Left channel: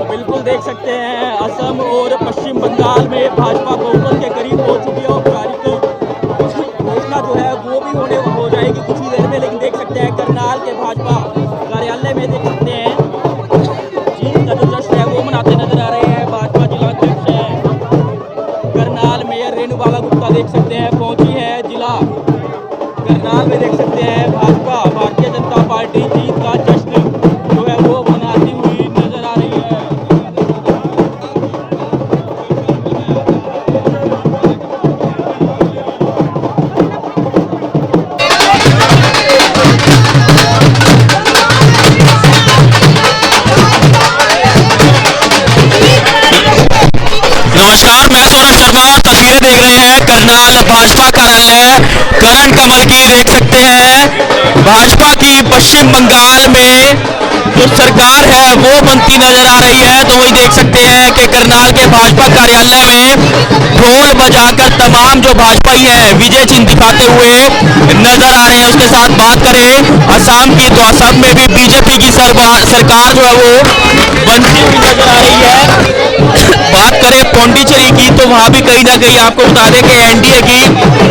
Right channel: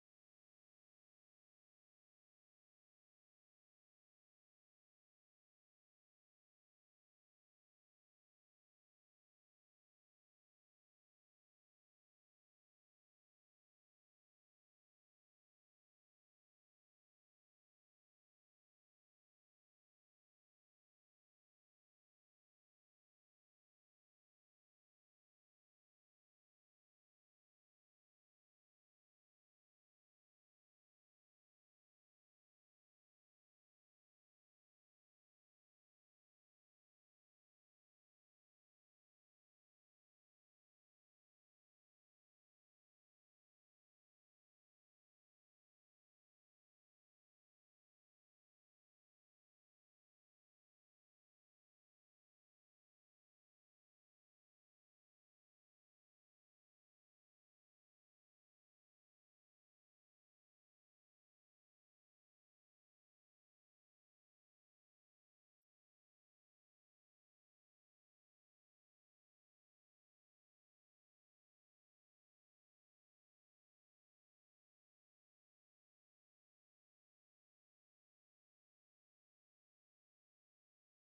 तो बिल्कुल देख सकते हैं असम और पश्चिम बंगाल में भाजपा बहुमत के करीब हो चुकी है और औपचारिक घोषणा जो है वो भी हो जाएगी कुछ ही देर में। लेकिन देख सकते हैं करनाल के भाजपा कार्यालय में देख सकते हैं जीत का जो जश्न है वो मनाते नजर आ रहे हैं। भाजपा जिला अध्यक्ष है करनाल मेयर रेणु बाला गुप्ता देख सकते हैं पहुंची है जिला करनाल में। देख सकते हैं भाजपा भारतीय जनता पार्टी जीत का जश्न जो है वो मनाती हुई नजर आ रही है। नमस्कार, मैं सौरभ शर्मा और तस्वीरें देख रहे हैं करनाल भाजपा कार्यालय करण कमल की। देख सकते हैं भाजपा की पश्चिम बंगाल में जो सरकार है वो बनती नजर आ रही है। तो वही देख सकते हैं कि करनाल के भाजपा कार्यालय में ढोल बजाकर तमाम जो भाजपाई हैं विजय चिन्ह दिखाते हुए नजर आ रहे हैं। उसके साथ बात करें असम की तो असम में भी बीजेपी की सरकार जो है वो बनती हुई नजर आ रही है। बात करें पौंडीचेरी की तो वहां भी कहीं ना कहीं आपको बता दें कि एनडीए की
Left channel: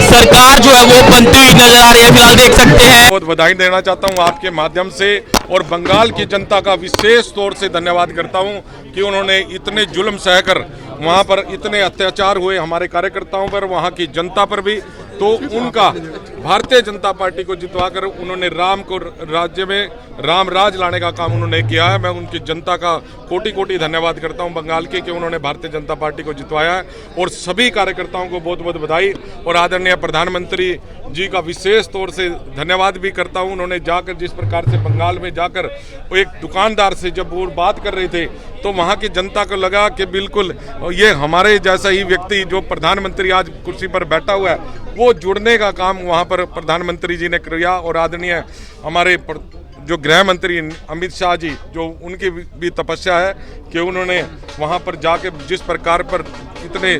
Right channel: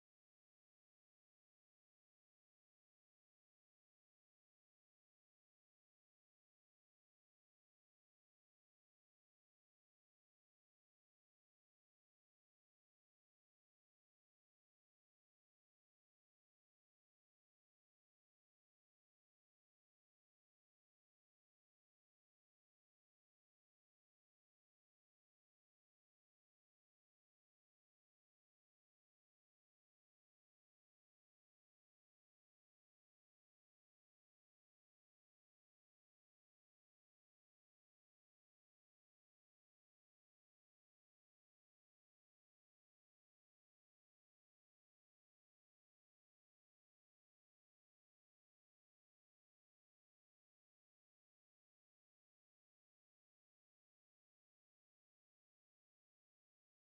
सरकार जो है वो बनती हुई नजर आ रही है। फिलहाल देख सकते हैं। बहुत बधाई देना चाहता हूं आपके माध्यम से और बंगाल की जनता का विशेष तौर से धन्यवाद करता हूं कि उन्होंने इतने जुल्म सहकर वहां पर इतने अत्याचार हुए हमारे कार्यकर्ताओं पर, वहां की जनता पर भी, तो उनका भारतीय जनता पार्टी को जितवाकर उन्होंने राम को राज्य में राम राज लाने का काम उन्होंने किया है। मैं उनकी जनता का कोटि कोटि धन्यवाद करता हूं बंगाल के कि उन्होंने भारतीय जनता पार्टी को जितवाया है। और सभी कार्यकर्ताओं को बहुत बहुत बधाई और आदरणीय प्रधानमंत्री जी का विशेष तौर से धन्यवाद भी करता हूं। उन्होंने जाकर जिस प्रकार से बंगाल में जाकर एक दुकानदार से जब वो बात कर रहे थे तो वहां की जनता को लगा कि बिल्कुल ये हमारे जैसा ही व्यक्ति जो प्रधानमंत्री आज कुर्सी पर बैठा हुआ है वो जुड़ने का काम वहां पर प्रधानमंत्री जी ने किया। और आदरणीय हमारे जो गृह मंत्री अमित शाह जी, जो उनकी भी तपस्या है कि उन्होंने वहां पर जाकर जिस प्रकार पर इतने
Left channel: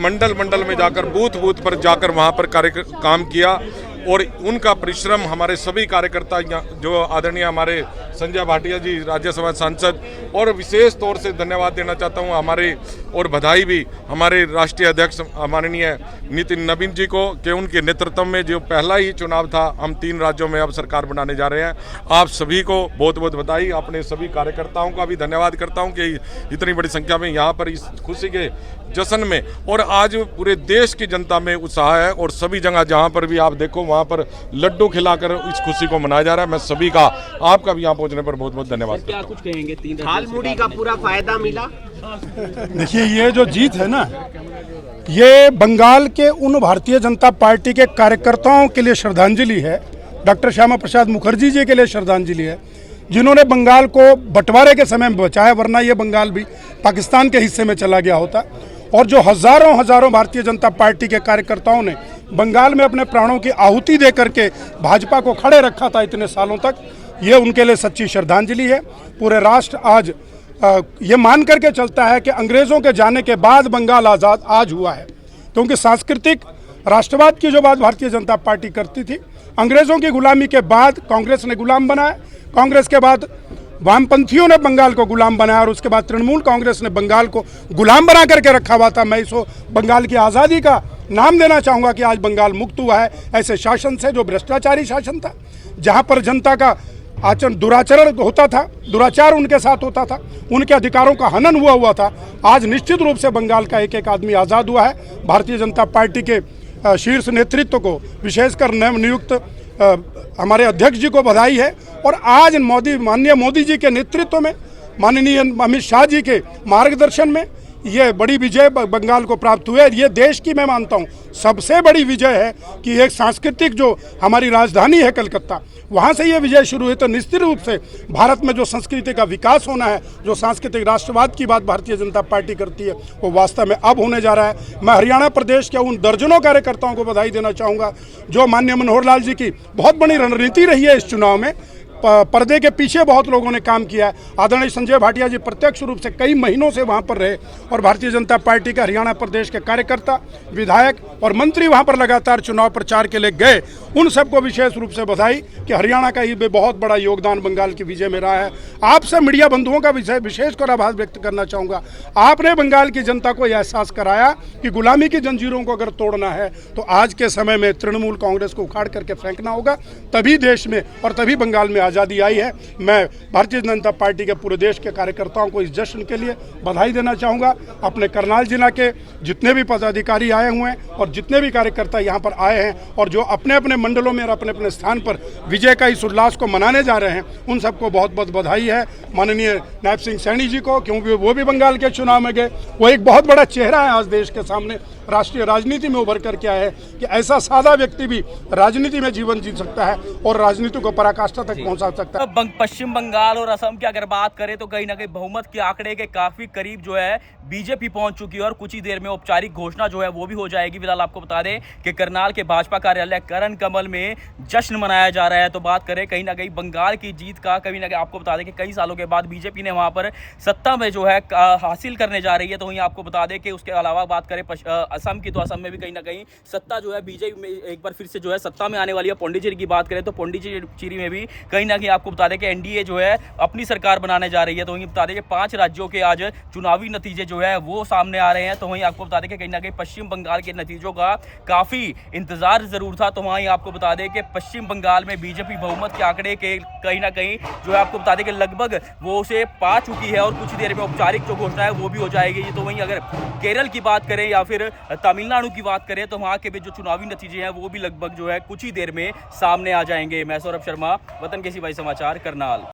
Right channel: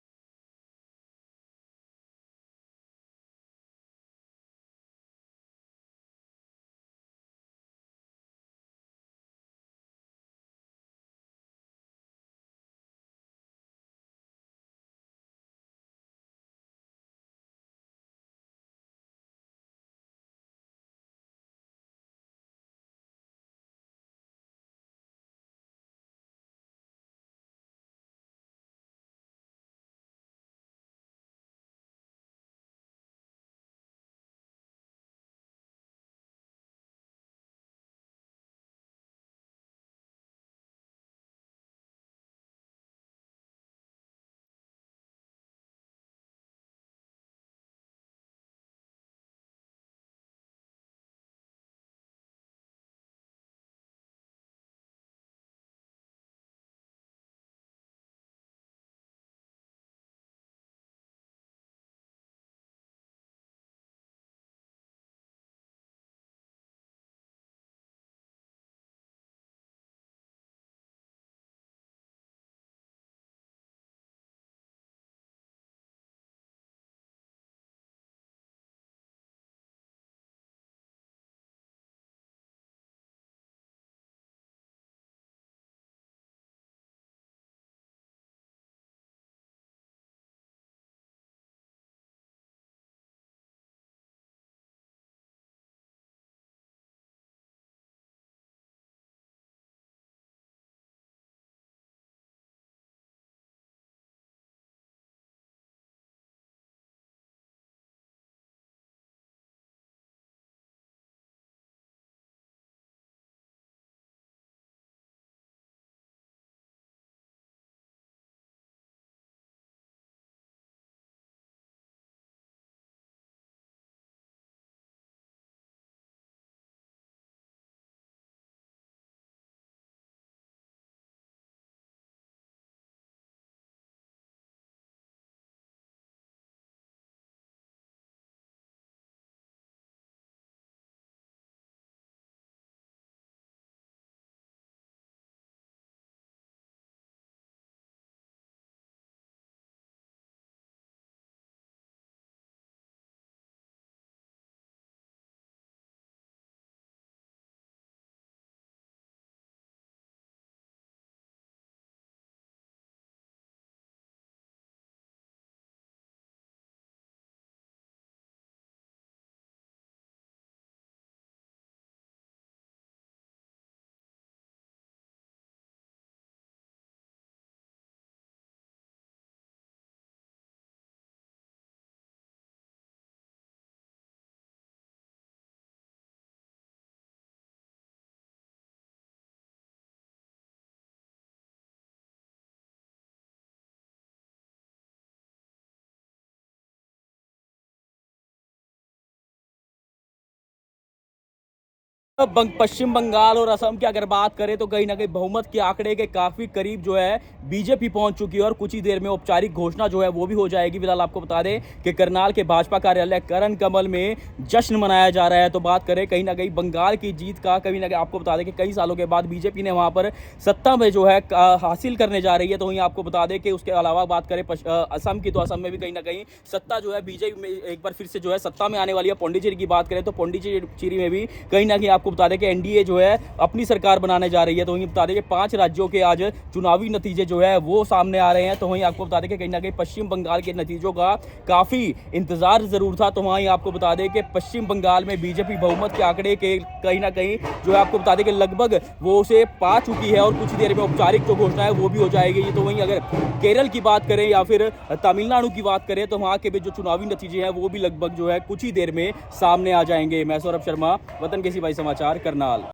मंडल मंडल में जाकर बूथ बूथ पर जाकर वहां पर काम किया और उनका परिश्रम हमारे सभी कार्यकर्ता जो आदरणीय हमारे संजय भाटिया जी राज्यसभा सांसद, और विशेष तौर से धन्यवाद देना चाहता हूं हमारे और बधाई भी हमारे राष्ट्रीय अध्यक्ष माननीय नितिन नवीन जी को कि उनके नेतृत्व में जो पहला ही चुनाव था हम 3 राज्यों में अब सरकार बनाने जा रहे हैं। आप सभी को बहुत बहुत बधाई। अपने सभी कार्यकर्ताओं का भी धन्यवाद करता हूँ कि इतनी बड़ी संख्या में यहाँ पर इस खुशी के जश्न में, और आज पूरे देश की जनता में उत्साह है और सभी जगह जहाँ पर भी आप देखो वहाँ पर लड्डू खिलाकर इस खुशी को मनाया जा रहा है। मैं सभी का आपका भी यहाँ पहुँचने पर बहुत बहुत धन्यवाद। क्या कुछ कहेंगे? 3 हाल मूडी का पूरा फायदा मिला। देखिए, ये जो जीत है ना, ये बंगाल के उन भारतीय जनता पार्टी के कार्यकर्ताओं के लिए श्रद्धांजलि है, डॉक्टर श्यामा प्रसाद मुखर्जी जी के लिए श्रद्धांजलि है, जिन्होंने बंगाल को बंटवारे के समय में बचाया, वरना ये बंगाल भी पाकिस्तान के हिस्से में चला गया होता। और जो हजारों हजारों भारतीय जनता पार्टी के कार्यकर्ताओं ने बंगाल में अपने प्राणों की आहुति दे करके भाजपा को खड़े रखा था इतने सालों तक, ये उनके लिए सच्ची श्रद्धांजलि है। पूरे राष्ट्र आज ये मान करके चलता है कि अंग्रेज़ों के जाने के बाद बंगाल आज़ाद आज हुआ है, क्योंकि सांस्कृतिक राष्ट्रवाद की जो बात भारतीय जनता पार्टी करती थी, अंग्रेज़ों की गुलामी के बाद कांग्रेस ने गुलाम बनाया, कांग्रेस के बाद वामपंथियों ने बंगाल को गुलाम बनाया और उसके बाद तृणमूल कांग्रेस ने बंगाल को गुलाम बना करके रखा हुआ था। मैं इसको बंगाल की आज़ादी का नाम देना चाहूँगा कि आज बंगाल मुक्त हुआ है ऐसे शासन से जो भ्रष्टाचारी शासन था, जहाँ पर जनता का दुराचरण होता था, दुराचार उनके साथ होता था, उनके अधिकारों का हनन हुआ था। आज निश्चित रूप से बंगाल का एक एक आदमी आज़ाद हुआ है। भारतीय जनता पार्टी के शीर्ष नेतृत्व को, विशेषकर नवनियुक्त हमारे अध्यक्ष जी को बधाई है। और आज माननीय मोदी जी के नेतृत्व में, माननीय अमित शाह जी के मार्गदर्शन में ये बड़ी विजय बंगाल को प्राप्त हुई है। ये देश की, मैं मानता हूँ, सबसे बड़ी विजय है कि एक सांस्कृतिक जो हमारी राजधानी है कलकत्ता, वहाँ से ये विजय शुरू हुई। तो निश्चित रूप से भारत में जो संस्कृति का विकास होना है, जो सांस्कृतिक राष्ट्रवाद की बात भारतीय जनता पार्टी करती है, वो वास्तव में अब होने जा रहा है। मैं हरियाणा प्रदेश के उन दर्जनों कार्यकर्ताओं को बधाई देना चाहूँगा जो माननीय मनोहर लाल जी की बहुत बड़ी रणनीति रही है इस चुनाव में, पर्दे के पीछे बहुत लोगों ने काम किया है। आदरणीय संजय भाटिया जी प्रत्यक्ष रूप से कई महीनों से वहां पर रहे और भारतीय जनता पार्टी के हरियाणा प्रदेश के कार्यकर्ता, विधायक और मंत्री वहां पर लगातार चुनाव प्रचार के लिए गए। उन सबको विशेष रूप से बधाई कि हरियाणा का ये बहुत बड़ा योगदान बंगाल की विजय में रहा है। आपसे मीडिया बंधुओं का विशेष कर आभार व्यक्त करना चाहूँगा। आपने बंगाल की जनता को यह एहसास कराया कि गुलामी की जंजीरों को अगर तोड़ना है तो आज के समय में तृणमूल कांग्रेस को उखाड़ करके फेंकना होगा, तभी देश में और तभी बंगाल में आज़ादी आई है। मैं भारतीय जनता पार्टी के पूरे देश के कार्यकर्ताओं को इस जश्न के लिए बधाई देना चाहूँगा। अपने करनाल जिला के जितने भी पदाधिकारी आए हुए हैं और जितने भी कार्यकर्ता यहाँ पर आए हैं और जो अपने अपने मंडलों में और अपने अपने स्थान पर विजय का इस उल्लास को मनाने जा रहे हैं, उन सबको बहुत बहुत बधाई है। माननीय नायब सिंह सैनी जी को, क्योंकि वो भी बंगाल के चुनाव में गए, वो एक बहुत बड़ा चेहरा है आज देश के सामने, राष्ट्रीय राजनीति में उभर करके आया है कि ऐसा सादा व्यक्ति भी राजनीति में जीवन जी सकता है और राजनीति को पराकाष्ठा तक पहुंचा सकता है। तो पश्चिम बंगाल और असम की अगर बात करें तो कहीं ना कहीं बहुमत के आंकड़े के काफी करीब जो है बीजेपी पहुंच चुकी है और कुछ ही देर में औपचारिक घोषणा जो है वो भी हो जाएगी। फिलहाल आपको बता दें कि करनाल के भाजपा कार्यालय करण कमल में जश्न मनाया जा रहा है। तो बात करें कहीं ना कहीं बंगाल की जीत का, कहीं ना कहीं आपको बता दें कि कई सालों के बाद बीजेपी ने वहां पर सत्ता में जो है हासिल करने जा रही है। तो वहीं आपको बता दें कि उसके अलावा बात करें असम की, तो असम में भी कहीं ना कहीं सत्ता जो है बीजेपी में एक बार फिर से जो है सत्ता में आने वाली है। पौंडीचेरी की बात करें तो पौंडीचेरी में भी कहीं ना कहीं आपको बता दें कि एनडीए जो है अपनी सरकार बनाने जा रही है। तो वहीं बता दें कि 5 राज्यों के आज चुनावी नतीजे जो है वो सामने आ रहे हैं। तो वहीं आपको बता दें कि कहीं ना कहीं पश्चिम बंगाल के नतीजों का काफी इंतजार जरूर था। तो वहीं आपको बता दें कि पश्चिम बंगाल में बीजेपी बहुमत के आंकड़े के कहीं ना कहीं जो है आपको बता दें कि लगभग वो उसे पा चुकी है और कुछ देर में औपचारिक जो घोषणा है वो भी हो जाएगी। तो वहीं अगर केरल की बात करें या फिर तमिलनाडु की बात करें तो वहां के भी जो चुनावी नतीजे हैं वो भी लगभग जो है कुछ ही देर में सामने आ जाएंगे। मैं सौरभ शर्मा, वतन के सिपाही समाचार, करनाल।